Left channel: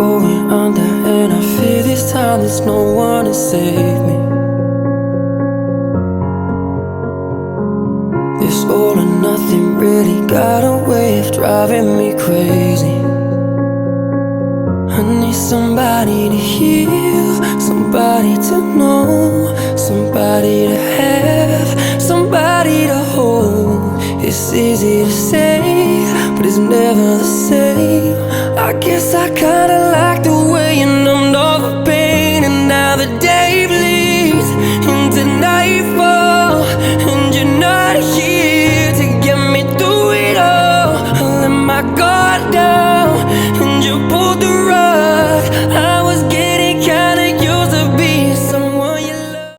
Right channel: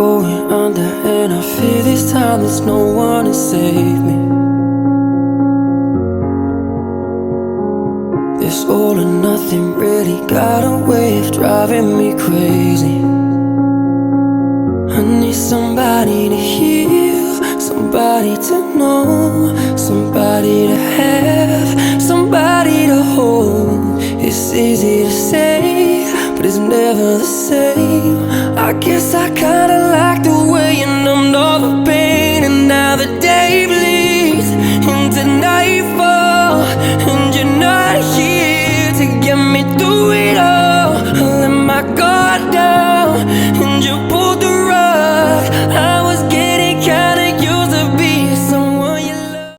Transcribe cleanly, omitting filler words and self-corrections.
going under, and I fear this time there's no one to save me. This all or nothing really got a way of driving me crazy. I need somebody to heal, somebody to know, somebody to have, somebody to hold. It's easy to say, but it's never the same. I guess I kinda like the way you numbed all the pain, and now the day bleeds into nightfall, and you're not here to get me through it all. I let my guard down, and you pulled the